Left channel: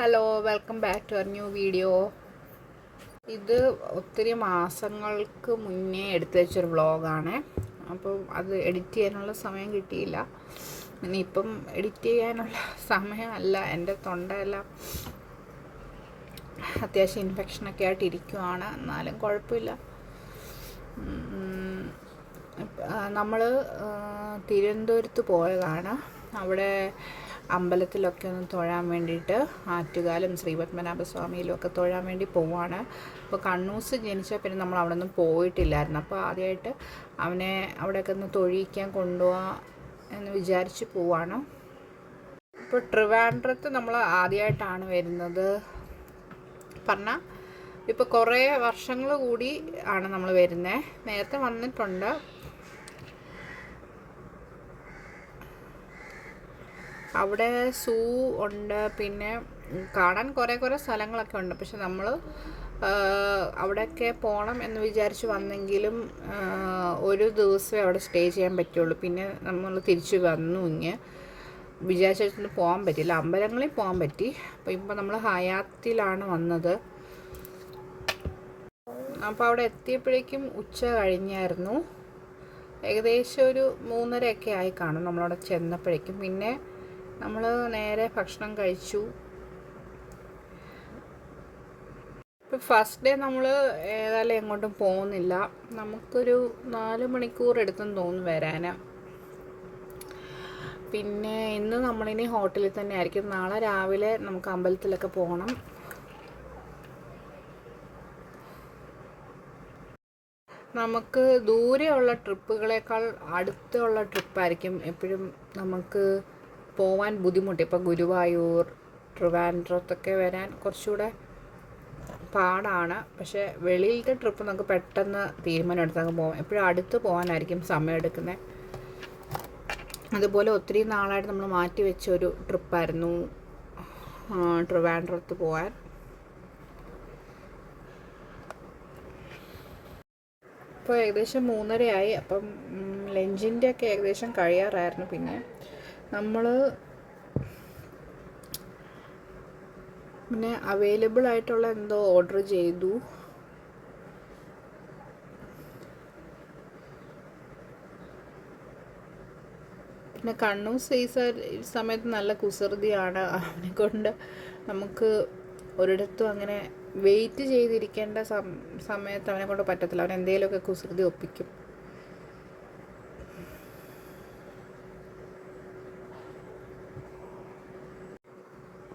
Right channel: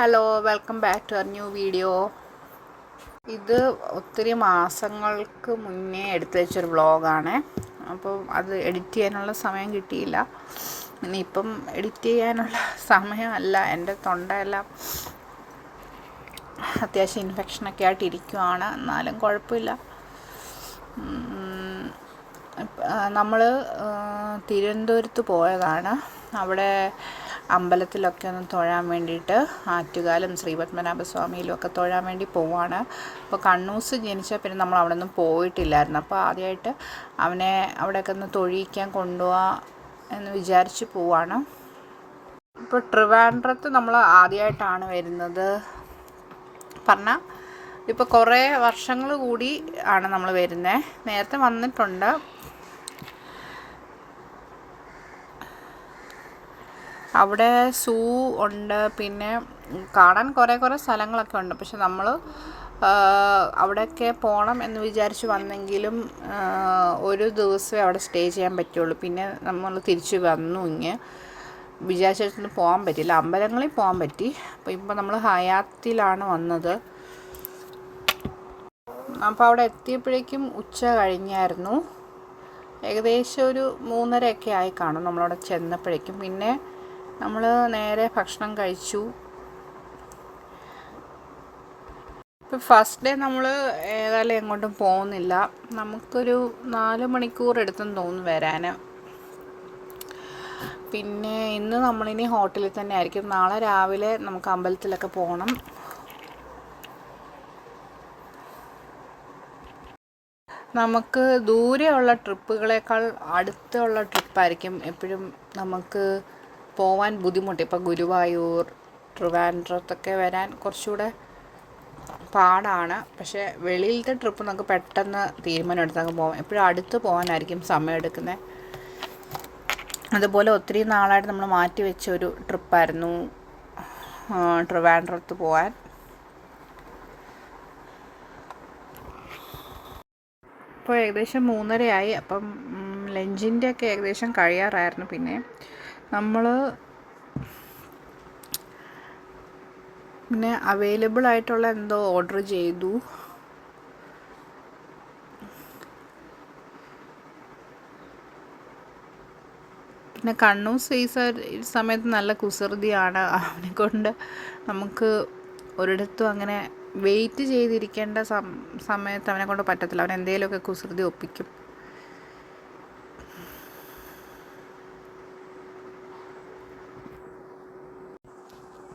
Hello, welcome back to our new video. ഇത് ഒത്തിരി മാസങ്ങൾക്ക് മുന്നേ എടുത്തു വെച്ചൊരു വ്ളോഗാണ്. അപ്പോൾ അത് എഡിറ്റ് ചെയ്യാനുള്ള സമയം കിട്ടിയില്ല. ഇനിയിപ്പം എഡിറ്റ് ചെയ്യാനുള്ള സമയമല്ല. എൻ്റെ തൊണ്ടയെല്ലാം അത്യാവശ്യം ഇൻഫെക്ഷനൊക്കെ ആയിട്ട് ഇരിക്കുവാണ്. എന്നാലും കുഴപ്പമില്ല. നമ്മൾ തിരുവനന്തപുരത്ത് പോയതാണ്. അവിടെ അമ്പലത്തിലൊക്കെ ഒന്ന് തൊഴാൻ വേണ്ടിയിട്ട് ആറ്റുകാലും ശ്രീപത്മനാഭസ്വാമിയിലും ഒക്കെ തൊഴാൻ വേണ്ടി പോവാണ്. അപ്പോൾ കണ്ണൂസ് ജനിച്ച പിന്നെ നമ്മൾ അവിടെ ഒന്നും പോയിട്ടില്ലായിരുന്നു. അപ്പോൾ ആദ്യമായിട്ട് അവനെ അവിടെയൊക്കെ ഒന്ന് തൊഴിയിക്കാൻ കൊണ്ടുപോവാ എന്ന് വിചാരിച്ച് പോവാണ്. ഇപ്പോൾ ട്രിവാൻഡ്രത്ത് നമ്മൾ ആദ്യമായിട്ടാണ് വരുന്നത്. പറഞ്ഞാൽ ഇപ്പോൾ കുറേ വർഷങ്ങൾ കൂടി ആണ് നമ്മൾ വരുന്നത്. നേരത്തെ വന്നിട്ടുണ്ട്. അവിടെ സൂ ഉണ്ട്, പിന്നെ കാണാൻ കുറേ സ്ഥലങ്ങളൊക്കെ ഉണ്ട്. പക്ഷെ നമ്മൾ അവിടെയൊക്കെ പോകണം എന്ന് വിചാരിച്ച് വന്നെങ്കിലും ഒരു ദിവസമേ അവിടെ സ്റ്റേ ചെയ്യാൻ പറ്റുള്ളൂ. പിന്നെ നമ്മൾ തിരിച്ച് വന്നു. വിചാരിച്ചിടത്തൊന്നും പോകാൻ പറ്റില്ല. അമ്പലങ്ങളിൽ പോകാൻ പറ്റി. അപ്പോൾ ഇപ്പോൾ നമ്മൾ ഹയാത്തിലാണ് വന്നത്. അപ്പോൾ അവിടെ എത്തിയപ്പോഴേക്കും ഉച്ച കഴിഞ്ഞായിരുന്നു. ഏകദേശം ഒരു 3:30 ആയി കാണും നമ്മളവിടെ ചെന്നപ്പോഴേക്കും. പിന്നെ നമ്മൾ നേരെ ഭക്ഷണം കഴിച്ചു. ഇപ്പോൾ ഫസ്റ്റ് ഡേ നമ്മൾ ഏതായാലും എങ്ങോട്ടും പോകുന്നില്ല. നമുക്കൊരു 4 മണിക്കൂർ എടുത്തെന്ന് തോന്നുന്നു വരാൻ. പിന്നെ ഇന്ന് നമ്മളിനി ഹോട്ടലിൽ തന്നെ ആയിരിക്കും. നാളെ രാവിലെ നമുക്ക് അമ്പലത്തിലൊക്കെ പോകണം. നമുക്ക് ദൂരെയുള്ള ട്രിപ്പുകളേക്കാൾ അടുത്തുള്ള ട്രിപ്പായിരിക്കും എപ്പോഴും നമുക്ക് പോവാൻ ബുദ്ധിമുട്ട്. ഇപ്പോൾ ഗുരുവായൂർ, ട്രിവാൻഡ്രത്തൊക്കെ വരാൻ കുറച്ചുകൂടെ പാടാണ്. പക്ഷേ വെളിയിലത്തെ ട്രിപ്പ് നമുക്ക് പെട്ടെന്ന് തീരുമാനം എടുത്തങ്ങ് പോകാം. എപ്പോഴും അടുത്ത് പോകാനായിരിക്കും സമയം എടുക്കുന്നത്. അതുപോലെ ഒത്തിരി നാളായിട്ട് നമ്മൾ മാറ്റി വെച്ചൊരു ട്രിപ്പായിരുന്നു ട്രിവാൻഡ്രത്ത് പോകാൻ. ഇപ്പോൾ ഏകദേശം 3:30 ആയി. അപ്പം ലഞ്ചിൻ്റെയൊക്കെ ഏകദേശം കഴിയാറായിരുന്നു. പിന്നെ നമ്മൾ അവൈലബിൾ ആയിട്ടുള്ള എന്തോ ഓർഡർ ചെയ്തു. പിന്നെ കണ്ണൂസ് ഈ സമയത്ത് നല്ല കുസൃതിയാണ്. അവനെ കൊണ്ട് നമുക്ക് ഒരിടത്തും അങ്ങനെ വെയിറ്റ് ചെയ്തിരിക്കേണ്ട സമയത്ത് അവനെ കൊണ്ട് പറ്റത്തില്ല. അവൻ എന്തെങ്കിലുമൊക്കെ കുസൃതി ഒപ്പിക്കും.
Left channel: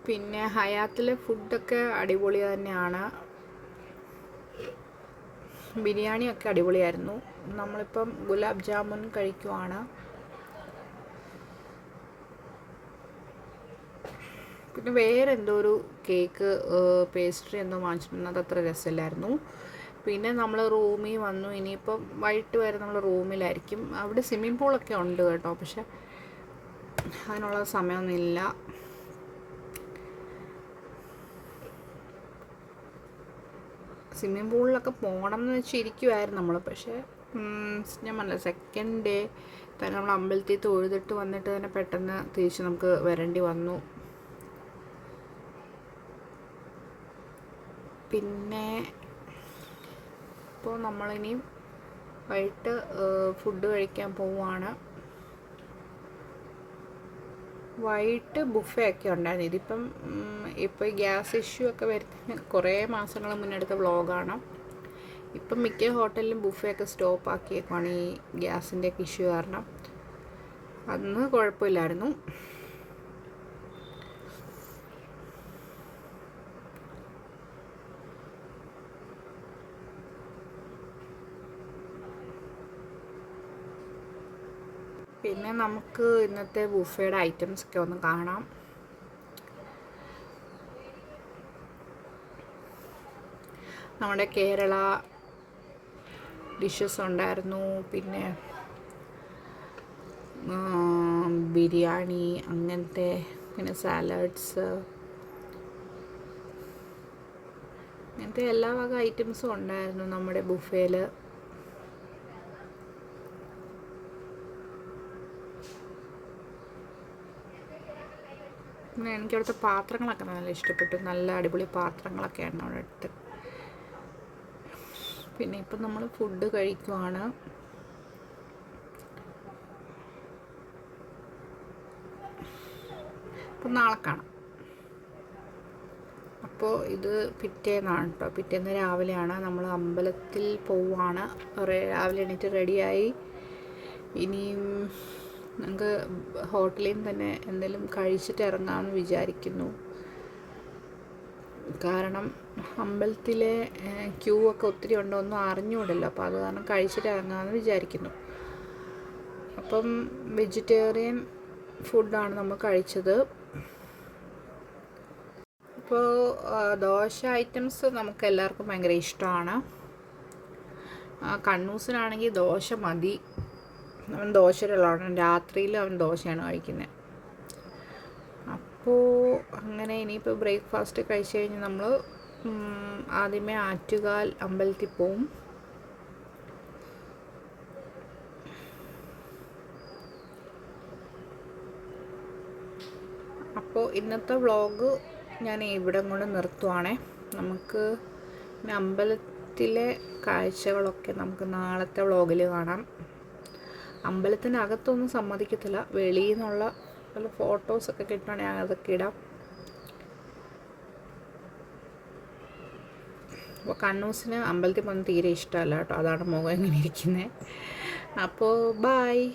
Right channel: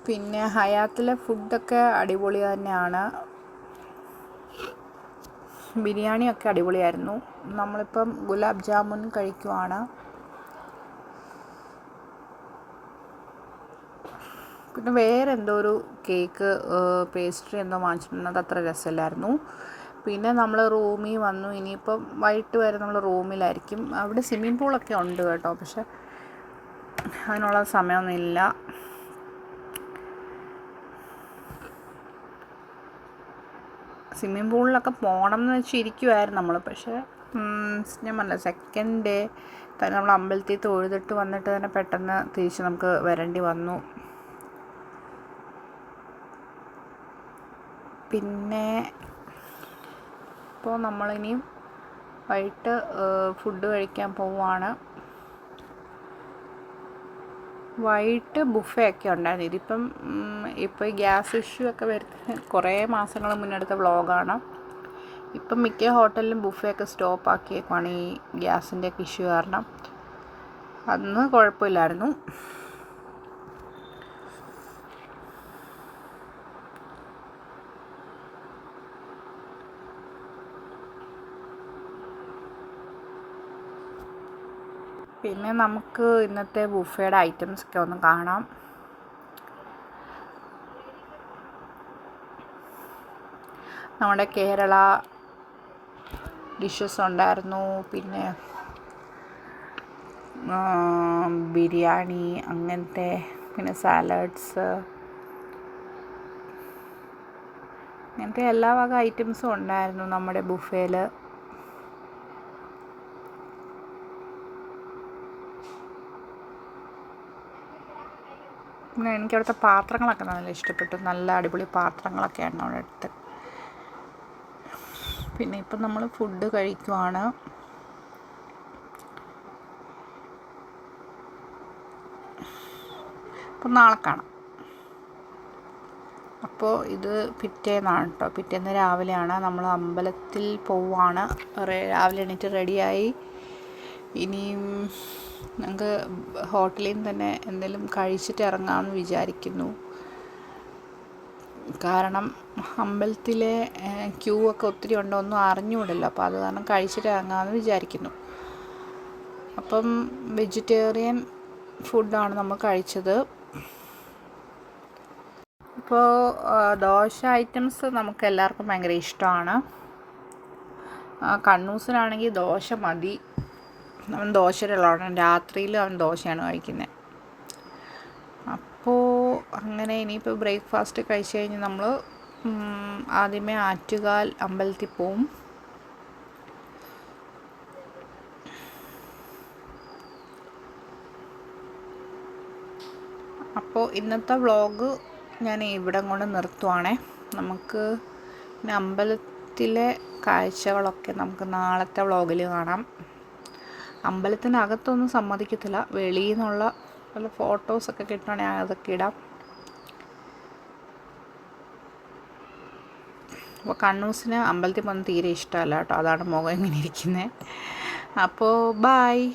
പിന്നെ ഹയാത്തിലെ ഫുഡൊക്കെ അടിപൊളി തന്നെയാണ്. ബിരിയാണിയൊക്കെ അടിപൊളിയായിരുന്നു. നമ്മളിപ്പം ഗുലാബ് ജാമുൻ കഴിക്കുവാണ്. പിന്നെ വേറെ എന്തോ ഒരു കേക്ക് പേസ്ട്രി എന്തോ വാങ്ങിച്ചിട്ടുണ്ട്. അത്ര രസമില്ലായിരുന്നു. പിന്നെ നമ്മൾ റൂമിൽ വന്നു. ഇനിയിപ്പം വൈകിട്ട് വരെ നമ്മൾ റൂമിലായിരിക്കും. അവിടെ സ്വിമ്മിംഗ് പൂളൊക്കെ ഉണ്ട് കേട്ടോ. പക്ഷെ അതിനുള്ള സമയമൊന്നുമില്ല. സ്വിമ്മിംഗ് പൂളിലൊക്കെ പോകണം എന്ന് വെച്ചിരിക്കുമായിരുന്നു നമ്മൾ. പക്ഷേ ഞാൻ പറഞ്ഞില്ല, സെക്കൻഡ് ഡേ തന്നെ നമ്മൾ അമ്പലത്തിൽ തൊഴുതിട്ട് വന്നിട്ട് തന്നെ പെട്ടെന്ന് തിരിച്ച് നമുക്ക് വരേണ്ടി വന്നു. പിന്നെ ഇപ്പോൾ നമ്മളിനിയും വൈകിട്ട് ഫുഡ് കഴിക്കാൻ പോവുകയാണ്. വൈകിട്ട് ബുഫേ ഒക്കെ ഉണ്ടായിരുന്നു. ഇപ്പോൾ ഗ്യാസ് ഇഷ്യൂ ഒക്കെ വരുന്ന കുറേ മാസങ്ങൾ മുന്നെടുത്ത വ്ളോഗാണ്. ഇപ്പം മിക്ക ഹോട്ടലിലും ബുഫേ ഒക്കെ സ്റ്റോപ്പ് ആക്കിയേക്കാണ് ഈ ഗ്യാസിൻ്റെ ഒക്കെ ഇഷ്യൂ കാരണം. അന്ന് കുഴപ്പമില്ലായിരുന്നു. പിന്നെ നമുക്ക് ഇന്നത്തെ ബുഫേയുടെ ഐറ്റംസ് ഒക്കെ ഒന്ന് കാണാം. നമ്മുടെ കേരള ഡിഷസ് ഉണ്ടായിരുന്നു. പിന്നെ ബിരിയാണി അങ്ങനത്തെ, പിന്നെ സാലഡ്സ്, അങ്ങനത്തെ എല്ലാ വക ഐറ്റംസും ഉണ്ടായിരുന്നു നമ്മുടെ ബുഫേയിൽ. പിന്നെ എനിക്ക് അവിടുത്തെ പാത്രങ്ങളൊക്കെ നല്ല ഇഷ്ടപ്പെട്ടു. നല്ല അടിപൊളി പാത്രങ്ങളൊക്കെയാണ് അവിടെ അടുത്ത്. പിന്നെ ഇപ്പം നമ്മൾ ഫുഡ് കഴിക്കുവാണ്. അപ്പം നാളെ കാണാം. അപ്പോൾ ഇത് പിറ്റേന്നാണ് കേട്ടോ. പിറ്റേന്ന് രാവിലെയാണ്. നമ്മൾ അമ്പലത്തിൽ പോവുകയാണ്. രാവിലെ എണീറ്റ് റെഡിയായി. ഇനിയും നമുക്ക് ഹോട്ടലിൽ നിന്ന് തന്നെ എന്തെങ്കിലും കഴിച്ചിട്ട് ഇറങ്ങാമെന്ന് വിചാരിക്കുന്നു. കാരണം അമ്പലത്തിലെ ക്യൂ ഒക്കെ ഒത്തിരി ഉണ്ടോ ഒന്നും അറിഞ്ഞുകൂടല്ലോ. അപ്പോൾ അത് കാരണം കഴിച്ചിട്ട് ഇറങ്ങാമെന്ന് വിചാരിക്കുന്നു. അപ്പം വെജിറ്റേറിയൻ ഫുഡാണ് നമ്മൾ കഴിച്ചത്. ഇപ്പോൾ ദോശ ഐറ്റംസ് നമുക്ക് എല്ലാവർക്കും ഭയങ്കര ഇഷ്ടമാണ്. കണ്ണൂസിനാണെങ്കിൽ ദോശ മതി. അവൻ ദോശയിലുള്ളതാണ്. രാത്രിയിൽ അവൻ ദോശയാണ് കഴിക്കുന്നത്. അപ്പോൾ അങ്ങനെ ഇനിയിപ്പോൾ ബ്രേക്ക്ഫാസ്റ്റ് കഴിച്ച് കഴിഞ്ഞ് നമ്മൾ ആദ്യമേ ആറ്റുകാൽ അമ്പലത്തിൽ പോവും. അപ്പോൾ ഇന്നത്തെ വ്ളോഗ് ഞാൻ ഇവിടെ കൊണ്ട് നിർത്തുവാണേ. നമുക്ക് പിന്നെ അമ്പലത്തിലെ കാഴ്ചകളൊക്കെ നമുക്ക് നാളത്തെ വ്ളോഗിൽ കാണാം. അമ്പലത്തിനകത്തൊന്നും സമ്മതിക്കത്തില്ല. വെളിയിൽ നിന്നുള്ള വല്ല ഫോട്ടോസൊക്കെ കിട്ടുകയാണെങ്കിൽ അതൊക്കെ ഇടാം. അപ്പോൾ കണ്ണൂസിന് അമ്പലത്തിൽ പോകുന്നത് തീരെ ഇഷ്ടമല്ല കേട്ടോ. അതാണ് മുഖം ഇങ്ങനെ ഇരിക്കുന്നത്. അപ്പോൾ ബായ്.